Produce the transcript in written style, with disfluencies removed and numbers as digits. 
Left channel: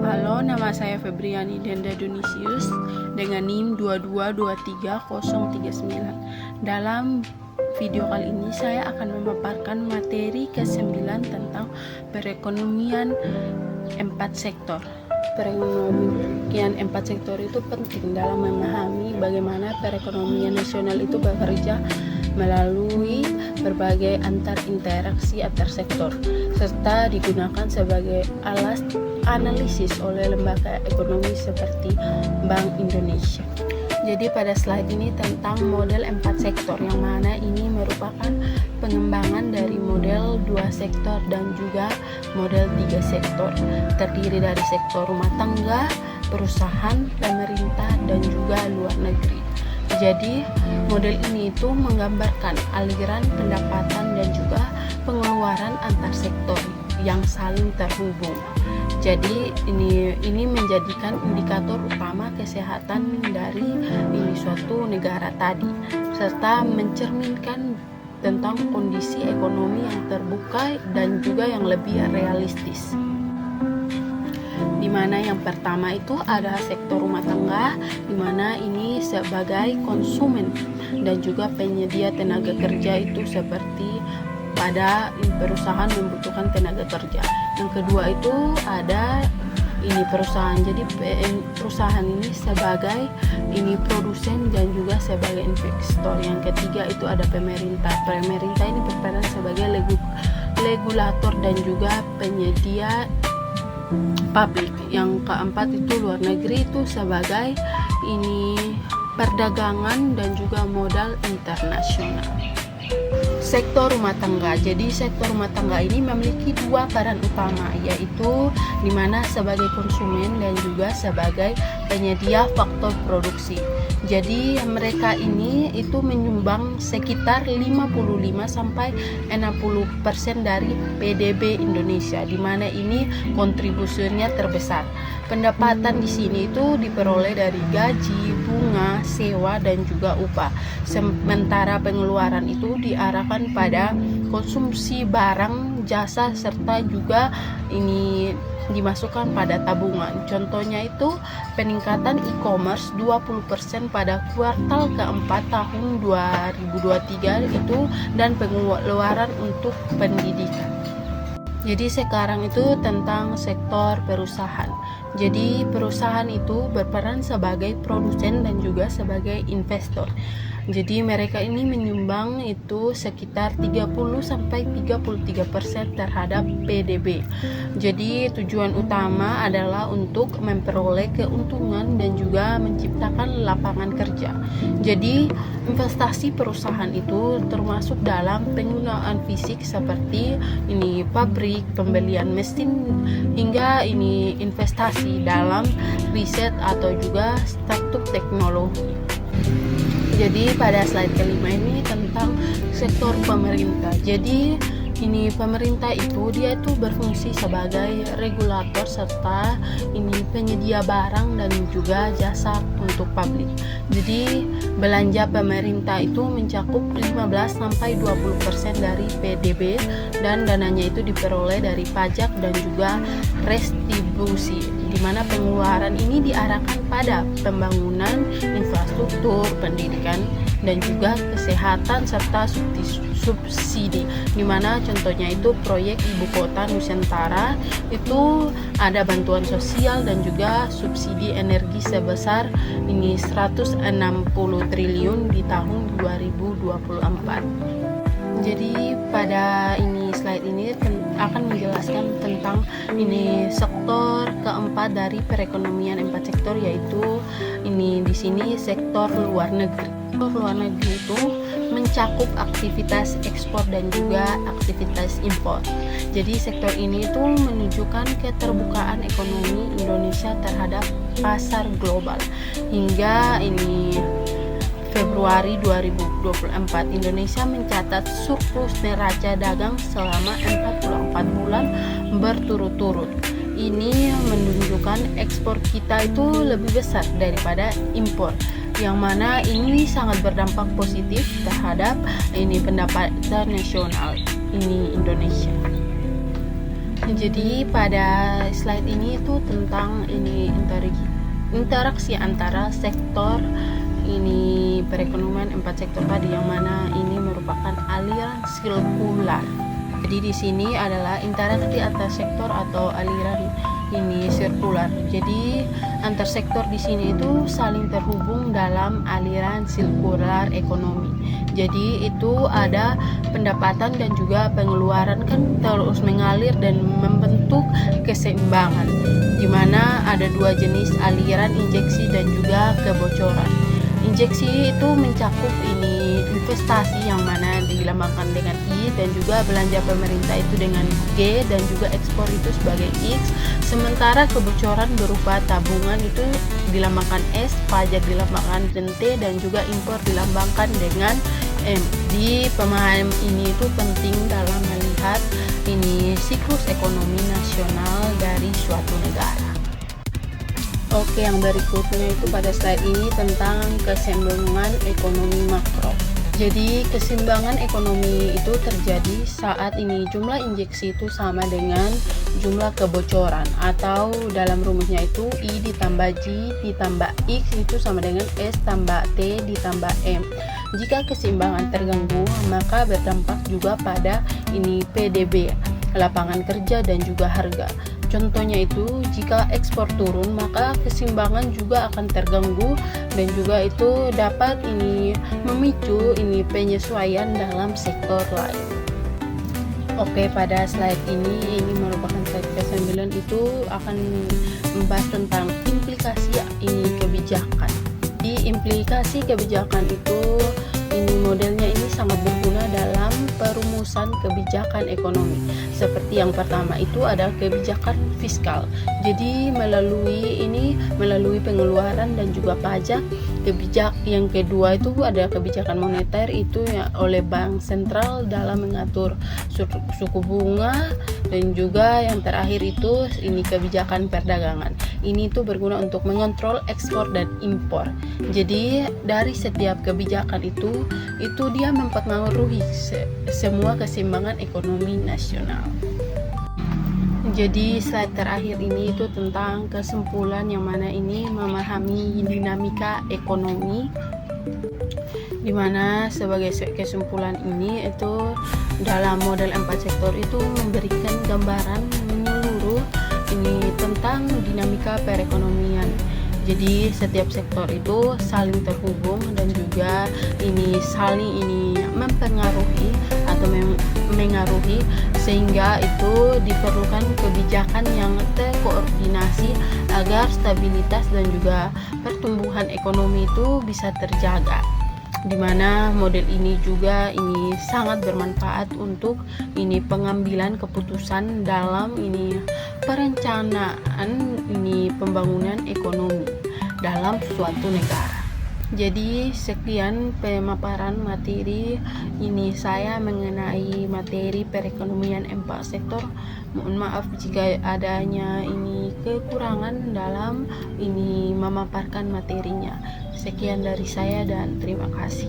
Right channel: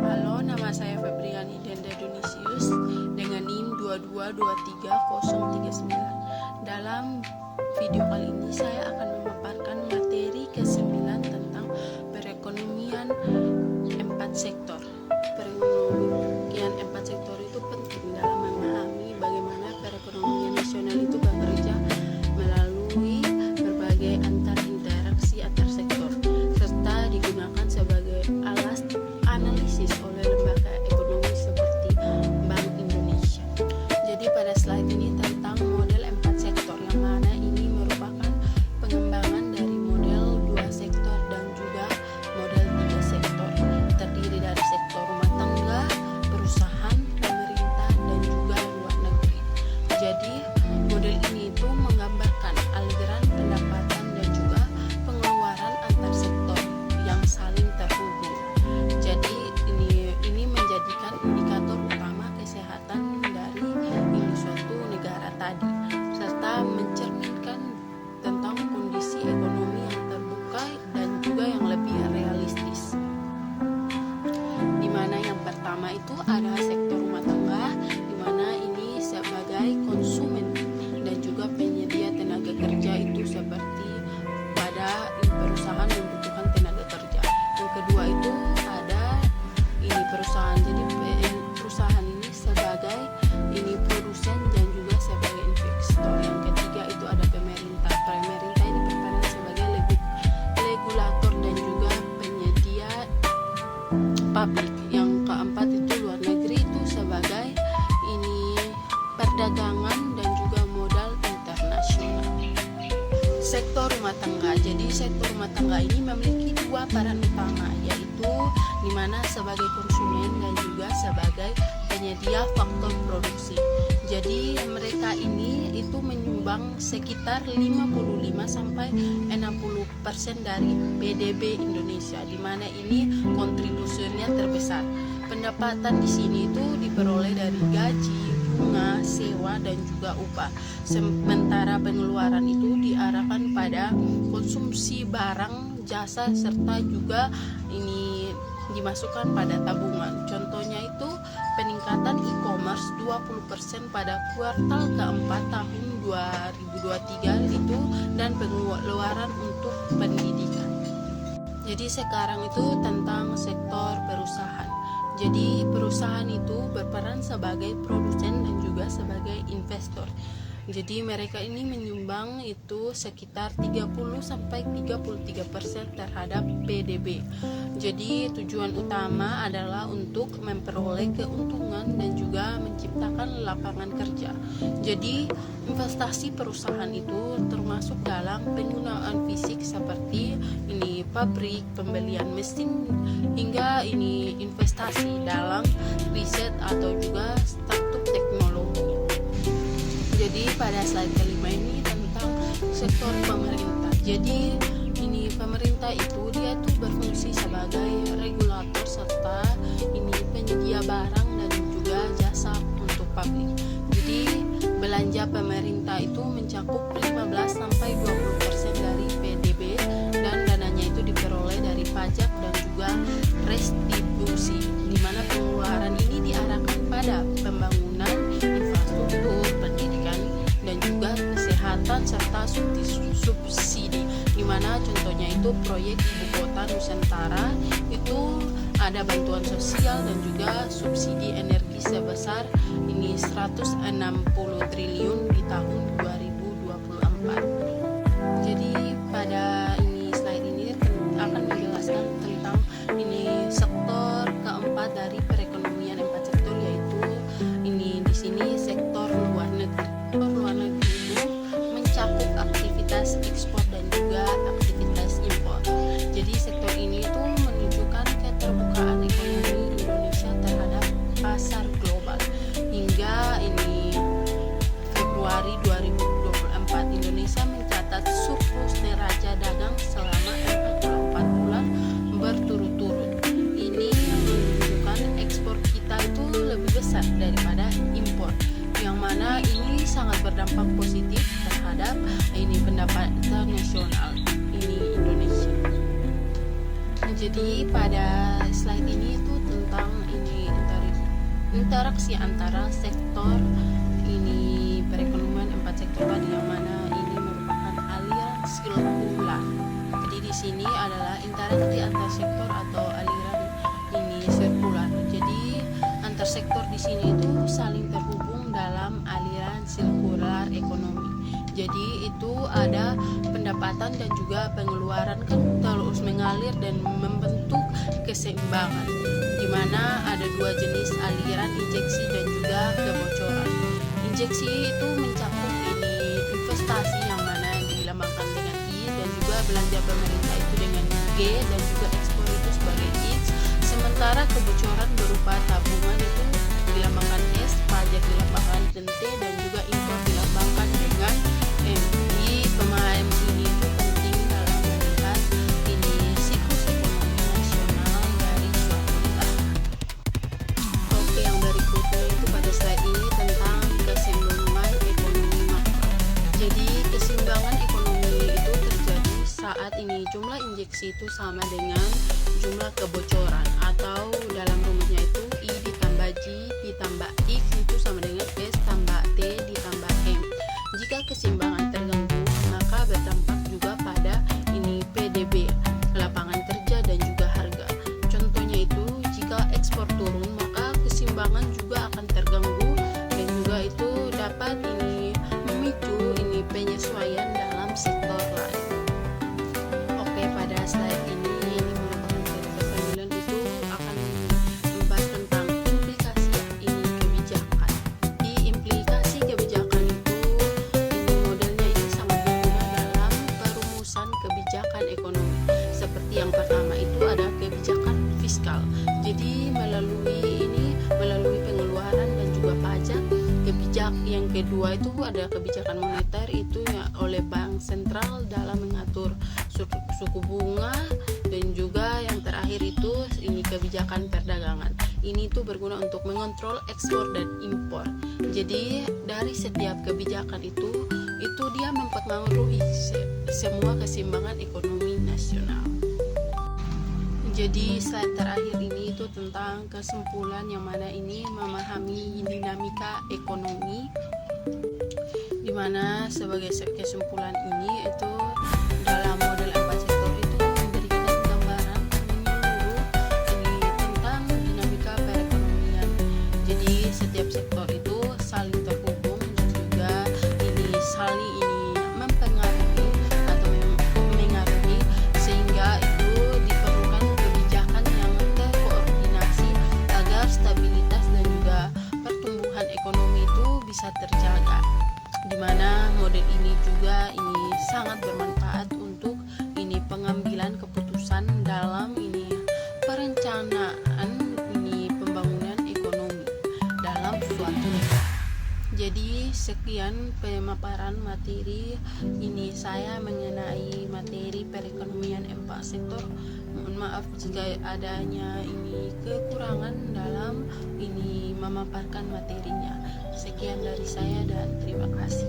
Halo, nama saya Febriani Denda Dunisius dengan NIM 2223039. Dalam video kali ini saya akan memaparkan materi ke-9 tentang perekonomian 4 sektor. Perekonomian 4 sektor itu penting dalam memahami bagaimana perekonomian nasional itu bekerja melalui berbagai interaksi antar sektor, serta digunakan sebagai alas analisis oleh lembaga ekonomi seperti Bank Indonesia. Jadi pada slide ini tentang model 4 sektor, yang mana ini merupakan pengembangan dari model 2 sektor dan juga model 3 sektor, terdiri dari sektor rumah tangga, perusahaan, pemerintah, dan juga luar negeri. Jadi model ini itu menggambarkan aliran pendapatan dan juga pengeluaran antar sektor yang saling terhubung. Jadi ini menjadikan indikator utama kesehatan dari suatu negara tadi, serta mencerminkan tentang kondisi ekonomi yang terbuka dan juga yang lebih realistis. Di mana yang pertama itu ada sektor rumah tangga, di mana ini sebagai konsumen dan juga penyedia tenaga kerja, itu seperti pada perusahaan membutuhkan tenaga kerja. Yang kedua itu ada perusahaan. Jadi perusahaan ini sebagai produsen dan juga sebagai investor. Yang ketiga itu ada pemerintah. Pemerintah ini berperan sebagai regulator dan juga penyedia publik. Yang keempat itu luar negeri, itu sebagai perdagangan dan juga modal internasional. Sektor rumah tangga. Jadi sektor rumah tangga ini memiliki dua peran utama, yaitu di mana sebagai konsumen dan juga sebagai penyedia faktor produksi. Jadi mereka ini itu menyumbang sekitar 55-60% dari PDB Indonesia, di mana ini kontribusinya terbesar. Pendapatan di sini itu diperoleh dari gaji, bunga, sewa, dan juga upah. Sementara pengeluaran itu diarahkan pada konsumsi barang, jasa, serta juga dimasukkan pada tabungan. Contohnya itu peningkatan e-commerce 20% pada kuartal keempat tahun 2023 itu, dan pengeluaran untuk pendidikan. Jadi sekarang itu tentang sektor perusahaan. Jadi perusahaan itu berperan sebagai produsen dan juga sebagai investor. Jadi mereka ini menyumbang itu sekitar 30-33% terhadap PDB. Jadi tujuan utama adalah untuk memperoleh keuntungan dan juga menciptakan lapangan kerja. Jadi investasi perusahaan itu termasuk dalam penggunaan fisik seperti pabrik, pembelian mesin, hingga investasi dalam riset atau juga startup teknologi. Jadi pada slide kelima ini tentang sektor pemerintah. Jadi pemerintah itu dia itu berfungsi sebagai regulator serta penyedia barang dan juga jasa untuk publik. Jadi belanja pemerintah itu mencakup 15-20% dari PDB, dan dananya itu diperoleh dari pajak dan juga retribusi, di mana pengeluaran ini diarahkan pada pembangunan infrastruktur, pendidikan, dan juga kesehatan serta subsidi, di mana contohnya itu proyek Ibu Kota Nusantara itu ada bantuan sosial dan juga subsidi energi sebesar 160 triliun di tahun 2024. Jadi pada slide ini akan menjelaskan tentang sektor keempat dari perekonomian 4 sektor, yaitu di sini sektor luar negeri. Sektor luar negeri itu mencakup aktivitas ekspor dan juga aktivitas impor. Jadi sektor ini itu menunjukkan keterbukaan ekonomi Indonesia terhadap pasar global. Hingga Februari 2024, Indonesia mencatat surplus neraca dagang selama 44 bulan berturut-turut. Ini menunjukkan ekspor kita itu lebih besar daripada impor, yang mana ini sangat berdampak positif terhadap pendapatan nasional Indonesia. Jadi pada slide ini itu tentang interaksi antara sektor ini perekonomian 4 sektor tadi, yang mana ini merupakan aliran sirkular. Jadi di sini adalah interaksi antar sektor atau aliran ini sirkular. Jadi antar sektor di sini itu saling terhubung dalam aliran sirkular ekonomi. Jadi itu ada pendapatan dan juga pengeluaran kan terus mengalir dan membentuk keseimbangan, di mana ada dua jenis aliran, injeksi dan juga kebocoran. Injeksi itu mencakup ini investasi yang mana dilambangkan dengan I, dan juga belanja pemerintah itu dengan G, dan juga ekspor itu sebagai X. Sementara kebocoran berupa tabungan itu dilambangkan S, pajak dilambangkan dengan T, dan juga impor dilambangkan dengan M. Di pemahaman ini itu penting dalam melihat ini siklus ekonomi nasional dari suatu negara. Oke, yang berikutnya itu pada slide ini tentang keseimbangan ekonomi makro. Jadi keseimbangan ekonomi itu terjadi saat ini jumlah injeksi itu sama dengan jumlah kebocoran, atau dalam rumusnya itu I ditambah J ditambah X itu sama dengan S tambah T ditambah M. Jika keseimbangan terganggu, maka berdampak juga pada ini PDB, lapangan kerja dan juga harga. Contohnya itu jika ekspor turun, maka keseimbangan juga akan terganggu, dan juga itu dapat ini memicu ini penyesuaian dalam sektor lain. Oke, pada slide ini merupakan slide ke-9, itu akan membahas tentang implikasi ini kebijakan. Di implikasi kebijakan itu ini modelnya ini sangat berguna dalam perumusan kebijakan ekonomi. Seperti yang pertama itu ada kebijakan fiskal. Jadi melalui pengeluaran dan juga pajak. Yang kedua itu ada kebijakan moneter, itu ya oleh bank sentral dalam mengatur suku bunga, dan juga yang terakhir itu ini kebijakan perdagangan. Ini itu berguna untuk mengontrol ekspor dan impor. Jadi dari setiap kebijakan itu dia mempengaruhi semua keseimbangan ekonomi nasional. Jadi slide terakhir ini itu tentang kesimpulan, yang mana ini memahami dinamika ekonomi, di mana sebagai kesimpulan ini itu dalam model 4 sektor itu memberikan gambaran menyeluruh ini tentang dinamika perekonomian. Jadi setiap sektor itu saling terhubung dan juga ini saling mempengaruhi atau mengaruhi, sehingga itu diperlukan kebijakan yang terkoordinasi agar stabilitas dan juga pertumbuhan ekonomi itu bisa terjaga. Di mana model ini juga sangat bermanfaat untuk pengambilan keputusan dalam perencanaan pembangunan ekonomi dalam suatu negara. Jadi sekian pemaparan materi saya mengenai materi perekonomian 4 sektor. Mohon maaf jika adanya kekurangan dalam memaparkan materinya. Sekian dari saya dan terima kasih.